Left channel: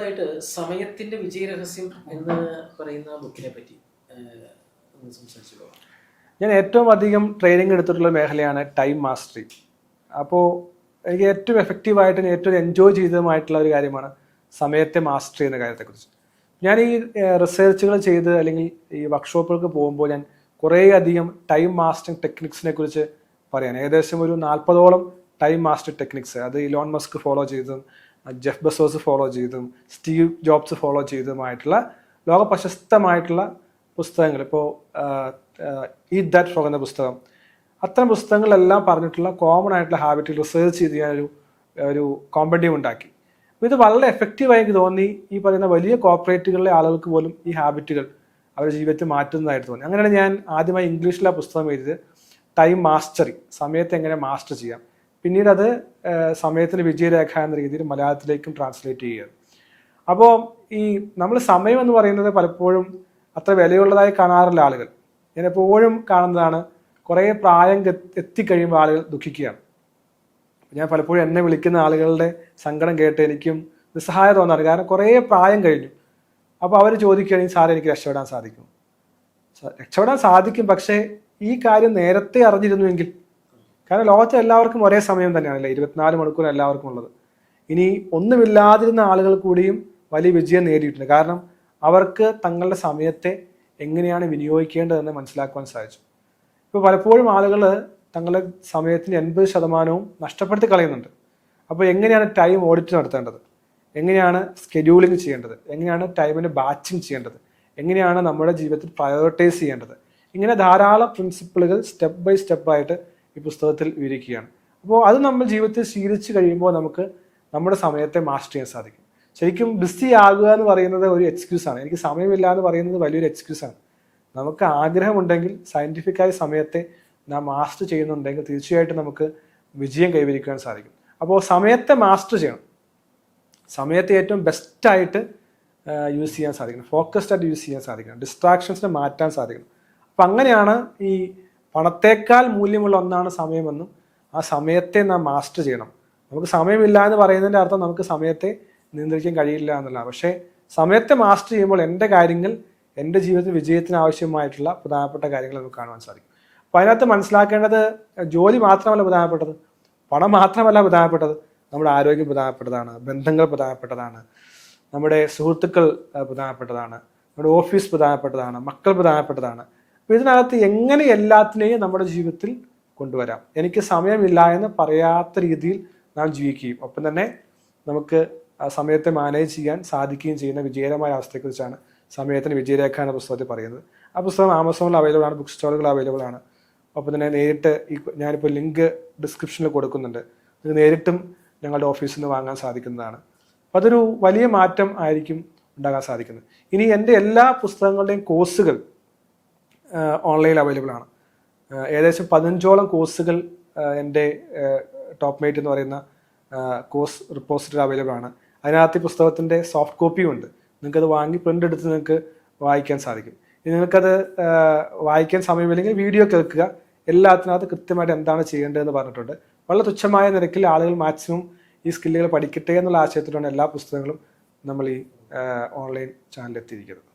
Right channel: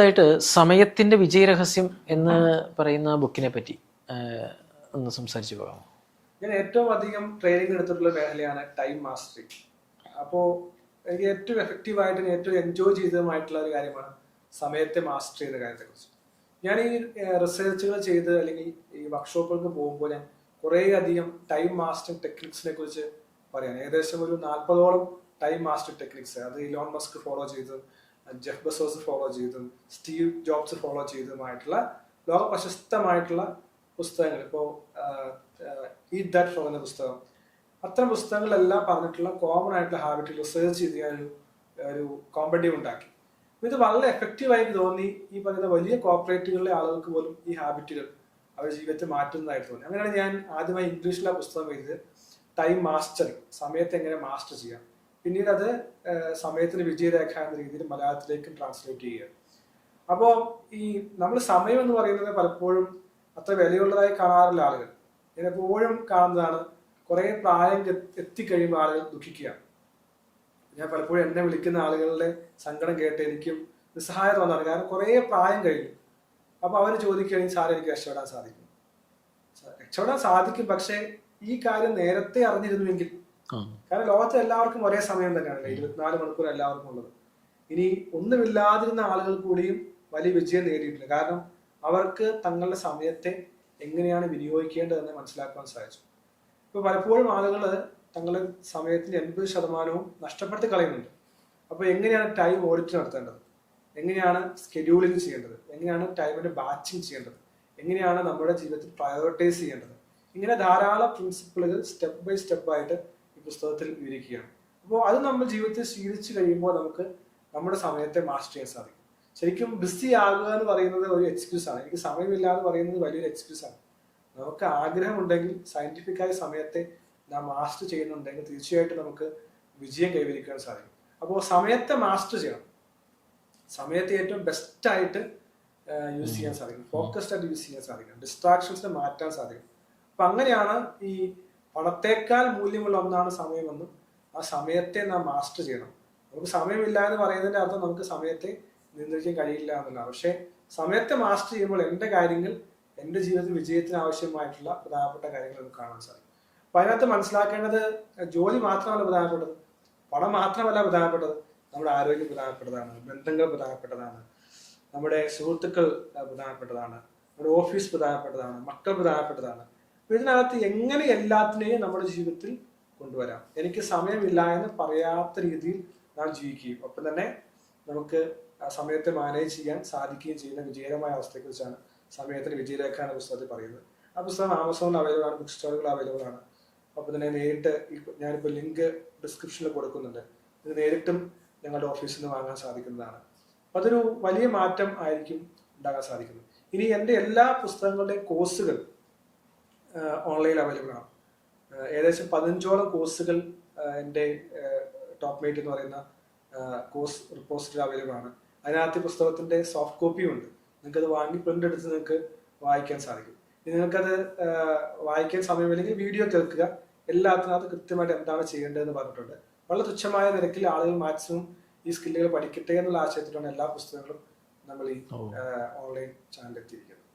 ായിട്ട് സമയത്തിന്റെ വിജയരഹസ്യം എന്ന് പറയുന്ന ബുക്കിനെ പറ്റി ഒന്ന് സംസാരിച്ചു പോകാം. ഞാൻ ഏറ്റവും അധികം ട്രെയിനിങ് എടുത്തിട്ടുള്ള മേഖലയാണ് ടൈം മാസ്റ്ററി. അപ്പോൾ എനിക്ക് ഏറ്റവും എഫക്റ്റീവായിട്ട് ഏറ്റവും എൻജോയ് ചെയ്തതുമായിട്ടുള്ള ഒരു കാര്യമാണ് സമയത്തെ മാസ്റ്റർ ചെയ്യുന്ന കാര്യത്തെക്കുറിച്ച്. ഞാൻ ഈ റിസർച്ചുകൾ ചെയ്ത് അല്ലെങ്കിൽ ഈ വർക്ക്ഷോപ്പുകൾക്ക് പോകുമ്പോൾ ഞാൻ കുറേ അധികം ടൈം മാസ്റ്ററിങ് ടെക്നിക്സിനെ കുറിച്ച് പറയാൻ ഏകദേശം ഒരു 40ഓളം ടൈം മാസ്റ്റർ ടെക്നിക്സ്, അത് ഇലോൺ മസ്ക് ഫോളോ ചെയ്തതും ജെഫ് ബെസോസ് ഫോളോ ചെയ്തതും സ്റ്റീവ് ജോബ്സ് ഫോളോ ചെയ്തതുമായിട്ടുള്ള ലോക പ്രശസ്തമായിട്ടുള്ള പുസ്തകങ്ങൾ, ഇപ്പോൾ ഈറ്റ് ദാറ്റ് ഫ്രോഗ് എന്ന പുസ്തകം, അത്തരം പുസ്തകങ്ങളെല്ലാം പറഞ്ഞിട്ടുള്ള കോമൺ ആയിട്ടുള്ള ഹാബിറ്റ് റിസർച്ച് ചെയ്ത് ഞാനൊരു കോമ്പറ്റീവ് ഉണ്ടാക്കി. അപ്പോൾ ഇത് വളരെ എഫക്റ്റീവായി എനിക്ക് തോന്നി. ഈ പറയുന്ന വലിയ കോർപ്പറേറ്റുകളിലെ ആളുകൾക്ക് പോലും ഈ ഹാബിറ്റുകൾ അവരുടെ ജീവിതത്തിൽ മാറ്റുന്നതായിട്ട് തോന്നി. അങ്ങനെയാണ് ഞാൻ ആദ്യമായി ഇംഗ്ലീഷിലെ പുസ്തകം എഴുതിയത് ടൈം മാസ്റ്ററി, സമയത്തെ എങ്ങനെ മാസ്റ്റർ ചെയ്യാം. പിന്നീട് അത് സമയത്തിന് വിജയരേഖ എന്ന രീതിയിൽ മലയാളത്തിലേക്കും ട്രാൻസ്ലേറ്റ് ചെയ്യുക. അപ്പോൾ ഈ നമ്മൾ സമയം എന്ന് പറയുന്നത് പലപ്പോഴും അത്ര വിലയുള്ളതായി കാണാറില്ല ആളുകൾ. ഞാൻ എപ്പോഴും കാണുന്നതാണ് കുറേ പ്രായം എത്തിക്കഴിയുമ്പോൾ ആളുകൾ ദുഃഖിക്കുകയാണ്. ഞാൻ പലപ്പോഴും എന്നെ വിളിക്കുന്ന ആളുകളുടെ സങ്കടം കേട്ട് എനിക്കും നിസ്സഹായത തോന്നാറ്. കാരണം കുറേ പ്രായം കഴിഞ്ഞു. അപ്പോൾ അവർ ചോദിക്കുകയാണെങ്കിൽ സാറേ എനിക്ക് രക്ഷപ്പെടാൻ സാധിക്കും. രക്ഷപ്പെടാൻ സാധിക്കും, പക്ഷേ ഈ കാര്യം നേരത്തെ അറിഞ്ഞിരുന്നുവെങ്കിൽ. കാരണം ലോകത്തെ എല്ലാവർക്കും ഒരേ സമയം തന്നെയാണല്ലേ, 24 മണിക്കൂർ എല്ലാവർക്കും ഉള്ളത്. ഇനി ഒന്നുമില്ലാതിരുന്ന ആളുകൾ കൂടിയും വലിയ വിജയം നേടിയിട്ടുണ്ട്. കാരണം അവർക്ക് തങ്ങളുടെ സമയത്തെ എങ്ങനെയാണ് വിനിയോഗിക്കേണ്ടതെന്ന് മനസ്സിലാക്കുവാൻ സാധിച്ചു. ഇപ്പോൾ പലപ്പോഴും ആളുകൾ തങ്ങളുടെ സമയത്തിന് 80% നഷ്ടപ്പെടുത്തി കളയുന്നുണ്ട്. അപ്പോൾ എങ്ങനെയാണ് ടൈം ഓഡിറ്റ് നടത്തേണ്ടത്, എങ്ങനെയാണ് സ്കെഡ്യൂളിംഗ് ചെയ്യേണ്ടത്, എങ്ങനെയാണ് ടൈമിന് ബാച്ചിങ് ചെയ്യേണ്ടത്, എങ്ങനെയാണ് നമ്മുടെ ജീവിതത്തിൽ പ്രയോറിറ്റൈസ് ചെയ്യേണ്ടത്, ഇങ്ങനെ ധാരാളം പ്രിൻസിപ്പിളുകൾ സ്റ്റെപ്പ് ബൈ സ്റ്റെപ്പായിട്ട് ഈ പുസ്തകത്തിൽ വിവരിക്കുകയാണ്. അപ്പോൾ അത് നമ്മൾ ജീവിതത്തിൽ ശീലിച്ച് കഴിയുമ്പോൾ നമുക്ക് നമ്മുടെ സമയത്തെ മാസ്റ്റർ ചെയ്യാൻ സാധിക്കും. ശരിക്കും ബിസി ആകുക എന്ന് പറയുന്നത് ഒരു എക്സ്ക്യൂസാണ്. എനിക്ക് സമയമില്ല എന്ന് പറയുന്നത് വലിയൊരു എക്സ്ക്യൂസാണ്. നമുക്ക് ആഗ്രഹമുണ്ടെങ്കിൽ സയൻറ്റിഫിക്കായി സമയത്തെ നാം മാസ്റ്റർ ചെയ്യുന്നുണ്ടെങ്കിൽ തീർച്ചയായിട്ടും നമുക്ക് വിജയം കൈവരിക്കാൻ സാധിക്കും. അപ്പോൾ സമയത്തെ മാസ്റ്റർ ചെയ്യണം. സമയത്തെ ഏറ്റവും ബെസ്റ്റായിട്ട് യൂസ് ചെയ്യാൻ സാധിക്കണം, ഫോക്കസ്ഡ് ആയിട്ട് യൂസ് ചെയ്യാൻ സാധിക്കണം, ഡിസ്ട്രാക്ഷൻസിനെ മാറ്റാൻ സാധിക്കണം. അപ്പം അങ്ങനെയാണ് ഈ പണത്തേക്കാൾ മൂല്യമുള്ള ഒന്നാണ് സമയമെന്നും ആ സമയത്തെ നാം മാസ്റ്റർ ചെയ്യണം. നമുക്ക് സമയമില്ല എന്ന് പറയുന്നതിൻ്റെ അർത്ഥം നമുക്ക് സമയത്തെ നിയന്ത്രിക്കാൻ കഴിയില്ല എന്നുള്ളതാണ്. പക്ഷേ സമയത്തെ മാസ്റ്റർ ചെയ്യുമ്പോൾ എൻ്റെ കാര്യങ്ങൾ, എൻ്റെ ജീവിതത്തിൽ വിജയത്തിന് ആവശ്യമായിട്ടുള്ള പ്രധാനപ്പെട്ട കാര്യങ്ങൾ നമുക്ക് കാണുവാൻ സാധിക്കും. അപ്പോൾ അതിനകത്ത് മനസ്സിലാക്കേണ്ടത് ജോലി മാത്രമല്ല പ്രധാനപ്പെട്ടത്, പണം മാത്രമല്ല പ്രധാനപ്പെട്ടത്, നമ്മുടെ ആരോഗ്യം പ്രധാനപ്പെട്ടതാണ്, ബന്ധങ്ങൾ പ്രധാനപ്പെട്ടതാണ്, നമ്മുടെ സുഹൃത്തുക്കൾ പ്രധാനപ്പെട്ടതാണ്, നമ്മുടെ ഓഫീസ് പ്രധാനപ്പെട്ടതാണ്, മക്കൾ പ്രധാനപ്പെട്ടതാണ്. അപ്പോൾ ഇതിനകത്ത് എങ്ങനെ എല്ലാത്തിനെയും നമ്മുടെ ജീവിതത്തിൽ കൊണ്ടുവരാം, എനിക്ക് സമയമില്ല എന്ന് പറയാത്ത രീതിയിൽ നാം ജീവിക്കുകയും ഒപ്പം തന്നെ നമുക്ക് ആ സമയത്തെ മാനേജ് ചെയ്യാൻ സാധിക്കുകയും ചെയ്യുന്ന വിജയകരമായ അവസ്ഥയെക്കുറിച്ചാണ് സമയത്തിന് വിജയരേഖ എന്ന പുസ്തകത്തിൽ പറയുന്നത്. ആ പുസ്തകം ആമസോണിൽ അവൈലബിൾ ആണ്, ബുക്ക് സ്റ്റോറുകൾ അവൈലബിൾ ആണ്. ഒപ്പം തന്നെ നേരിട്ട് ഞാനിപ്പോൾ ലിങ്ക് ഡിസ്ക്രിപ്ഷനിൽ കൊടുക്കുന്നുണ്ട്, ഇത് നേരിട്ടും ഞങ്ങളുടെ ഓഫീസിൽ നിന്ന് വാങ്ങാൻ സാധിക്കുന്നതാണ്. അപ്പം അതൊരു വലിയ മാറ്റം ആയിരിക്കും ഉണ്ടാകാൻ സാധിക്കുന്നത്. ഇനി എൻ്റെ എല്ലാ പുസ്തകങ്ങളുടെയും കോഴ്സുകൾ ഓൺലൈനിൽ അവൈലബിൾ ആണ്. ഏകദേശം 15ഓളം കോഴ്സുകൾ എൻ്റെ ടോപ്പ് മേറ്റ് എന്ന് പറയുന്ന കോഴ്സ് റിപ്പോസിറ്ററി അവൈലബിൾ ആണ്. അതിനകത്ത് ഈ പുസ്തകത്തിൻ്റെ സോഫ്റ്റ് കോപ്പിയും ഉണ്ട്. നിങ്ങൾക്കത് വാങ്ങി പ്രിൻ്റ് എടുത്ത് നിങ്ങൾക്ക് വായിക്കാൻ സാധിക്കും. ഇനി നിങ്ങൾക്കത് വായിക്കാൻ സമയമില്ലെങ്കിൽ വീഡിയോ കേൾക്കുക. എല്ലാത്തിനകത്ത് കൃത്യമായിട്ട് എന്താണ് ചെയ്യേണ്ടതെന്ന് പറഞ്ഞിട്ടുണ്ട്. വളരെ തുച്ഛമായ നിരക്കിൽ ആളുകൾ മാക്സിമം ഈ സ്കില്ലുകൾ പഠിക്കട്ടെ എന്നുള്ള ആശയത്തിലാണ് എല്ലാ പുസ്തകങ്ങളും നമ്മൾ ഈ ഓൺലൈൻ ചാനലിൽ എത്തിയിരിക്കുന്നത്.